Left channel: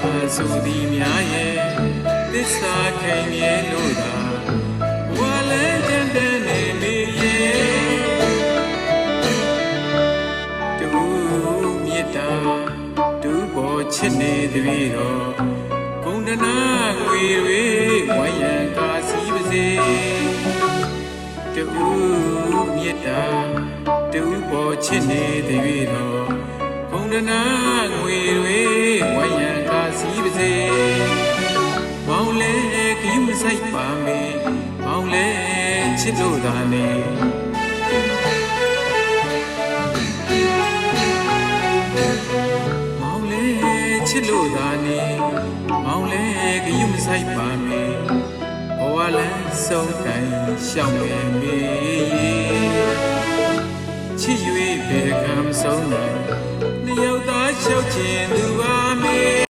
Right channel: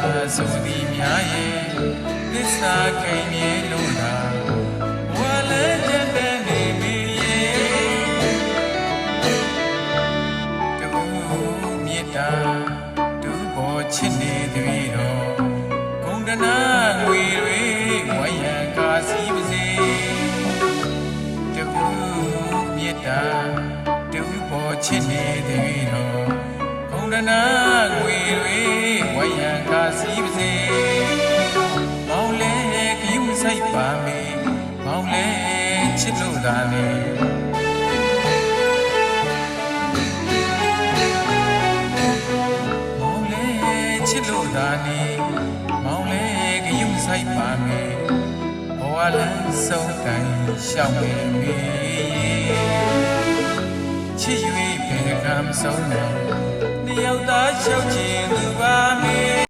ဆိုသည်များရဲ့သစ္စာခိုင်မြဲလို့သာဝါလဲတန်တန်နေမိရဲ့တူမြတ်တာတူပေါ်ချစ်နေသည်တော်ဂုံတနာငွေတွေဝိုင်းရန်ကာစီပါစေတူမြတ်တာတူပေါ်ချစ်နေသည်တော်ဘုံဒနာငွေတွေဝိုင်း ခယူမဆိုင်ပါမေမောင်လဲချစ်လို့သာနေမောင်လဲချစ်လို့သာနေမောင်လဲခယူမဆိုင်ပါမေဘဝလန်းဆုံးတိုင်းရှောက်နေမေချစ်၍ဘေကံဆုံးတော့နှစ်ယောက်သားလျှောက်ခြင်းသူမ